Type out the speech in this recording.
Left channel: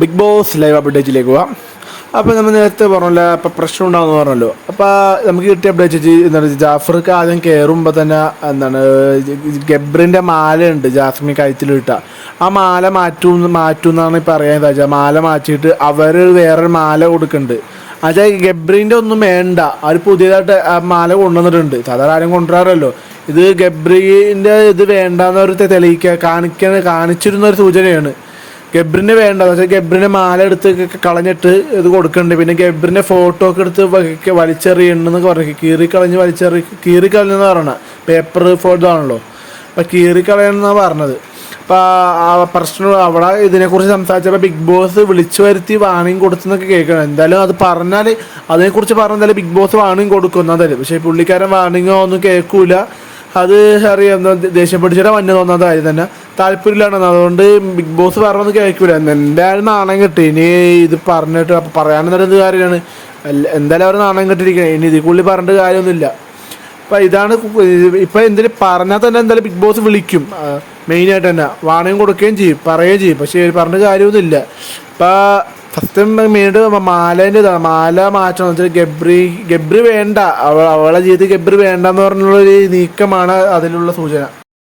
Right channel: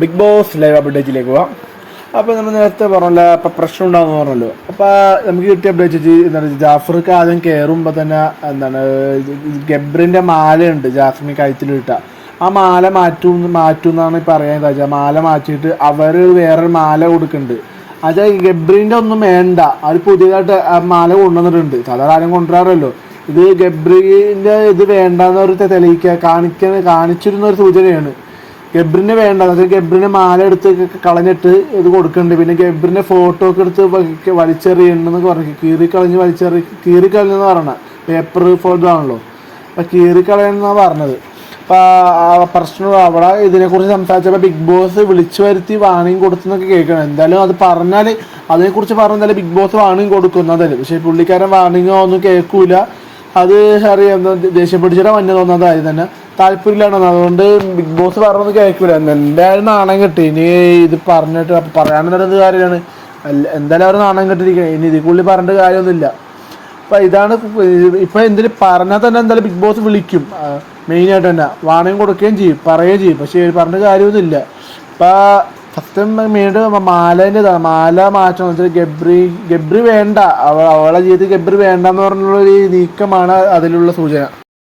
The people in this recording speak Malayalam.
ബിഗ് ബോസ് ലൈവ് അപ്ഡേറ്റിലേക്ക് പോവാം. അപ്പോൾ നമ്മൾ നേരത്തെ പറഞ്ഞല്ലോ, അപ്പോൾ പ്രശ്നം ഉണ്ടാകുമെന്ന് പറഞ്ഞല്ലോ. അപ്പോൾ നമുക്ക് കിട്ടിയ അപ്ഡേറ്റ് എന്താണ്, ജാഫർക്ക് ആദ്യം കയറുമ്പോൾ തന്നെ എന്താണ് ഗബ്രിൻ്റെ മാലയുണ്ട് ജാസ്മിൻ കഴുത്തിലിട്ട, ആ മാല മാറ്റുമെന്നാണ് പറയാൻ വെച്ചാൽ. മാല മാറ്റിയിട്ട് അവർ വേറൊരു മാല കൊടുക്കുന്നുണ്ട്. എന്നുവെച്ചാൽ ഗബ്രീൻ്റെ ഒന്നും വേണ്ട, അവർ പുതിയതായിട്ട് ആ മാല കൊണ്ടുവന്നിട്ടുണ്ട്. സാധാരണ ആരും കൊണ്ടുവരാറല്ലോ. ഇത് ഗബ്രീൻ്റെ ഇത് വേണ്ടെന്ന് അവർ കാണിച്ചിരുന്ന ഒരു സൂചനയാണ്. ഗബ്രിനെ വേണ്ട എന്ന് വെച്ചാൽ ഗബ്രിനെ മാല എടുത്ത് കളഞ്ഞിട്ട് ഇത് കൊടുക്കുന്നുണ്ട്. പിന്നെ ഗബ്രിനെ ഫോട്ടോ ഒക്കെ എടുത്ത് വലിച്ചെറിയണമെന്നൊക്കെ പറഞ്ഞു. കീറിക്കളഞ്ഞെന്ന് പറയണ പേപ്പർ ഫോട്ടോ ആണല്ലോ, അപ്പം കീറിക്കളയണമെന്നാണ് പറഞ്ഞത്. അപ്പോൾ ആ പ്രശ്നം അവിടെ ഇതിനെക്കുറിച്ച് സംസാരിച്ചപ്പോൾ ബിഗ് ബോസ് വിളിച്ചു വരുത്തി വാണിംഗ് കൊടുത്തെന്നൊക്കെ കേൾക്കണം. എന്തായാലും അത് പറഞ്ഞാൽ അതിനെക്കുറിച്ച് പറഞ്ഞാൽ ബിഗ് ബോസ് വാണിംഗ് കൊടുക്കുന്നതല്ലേ. പക്ഷേ പുള്ളിക്കാരൻ വാണിംഗോ ഒന്നും കേൾക്കൂല. അത് അറിയാം, ദേഷ്യം പിടിച്ചിട്ട് മഞ്ഞ തോന്നുന്നതായി തന്നെ താല്പര്യമില്ലാണ്. അതുകൊണ്ട് ബിഗ് ബോസ് പറഞ്ഞത് കേൾക്കില്ല. എന്തായാലും നാണം കിട്ടി. ഇനി ഇത് പറഞ്ഞിട്ട് അപ്പം പറയാനെന്നുള്ളത് കാര്യമാണ്. എന്തായാലും അവർ നാണം കെട്ടിരിക്കണം. ഇനി ഇതിൽ കൂടുതൽ പറഞ്ഞിട്ട് കാര്യമൊന്നുമില്ല. അപ്പം ഇതാണ് ഇപ്പം എന്തെങ്കിലും പറഞ്ഞാൽ തന്നെ എന്തായാലും ബിഗ് ബോസ് വിളിക്കും. മെയിനായിട്ട് തന്നെ വാണിംഗ് കൊടുക്കുകയും ചെയ്യും, പറയുകയും ചെയ്യും. പക്ഷേ പറഞ്ഞ കാര്യമൊന്നുമില്ല. ഇപ്പം ഫസ്റ്റ് മെയിനായിട്ട് മാല മാറ്റണം എന്ന് വെച്ചാൽ ഗബ്രി വേണ്ട, അവളെ ജീവിതത്തിൽ ഗബ്രി വേണ്ടെന്ന് പറഞ്ഞുള്ളൊരു നീക്കമാണ് അതിലുള്ള സൂചന.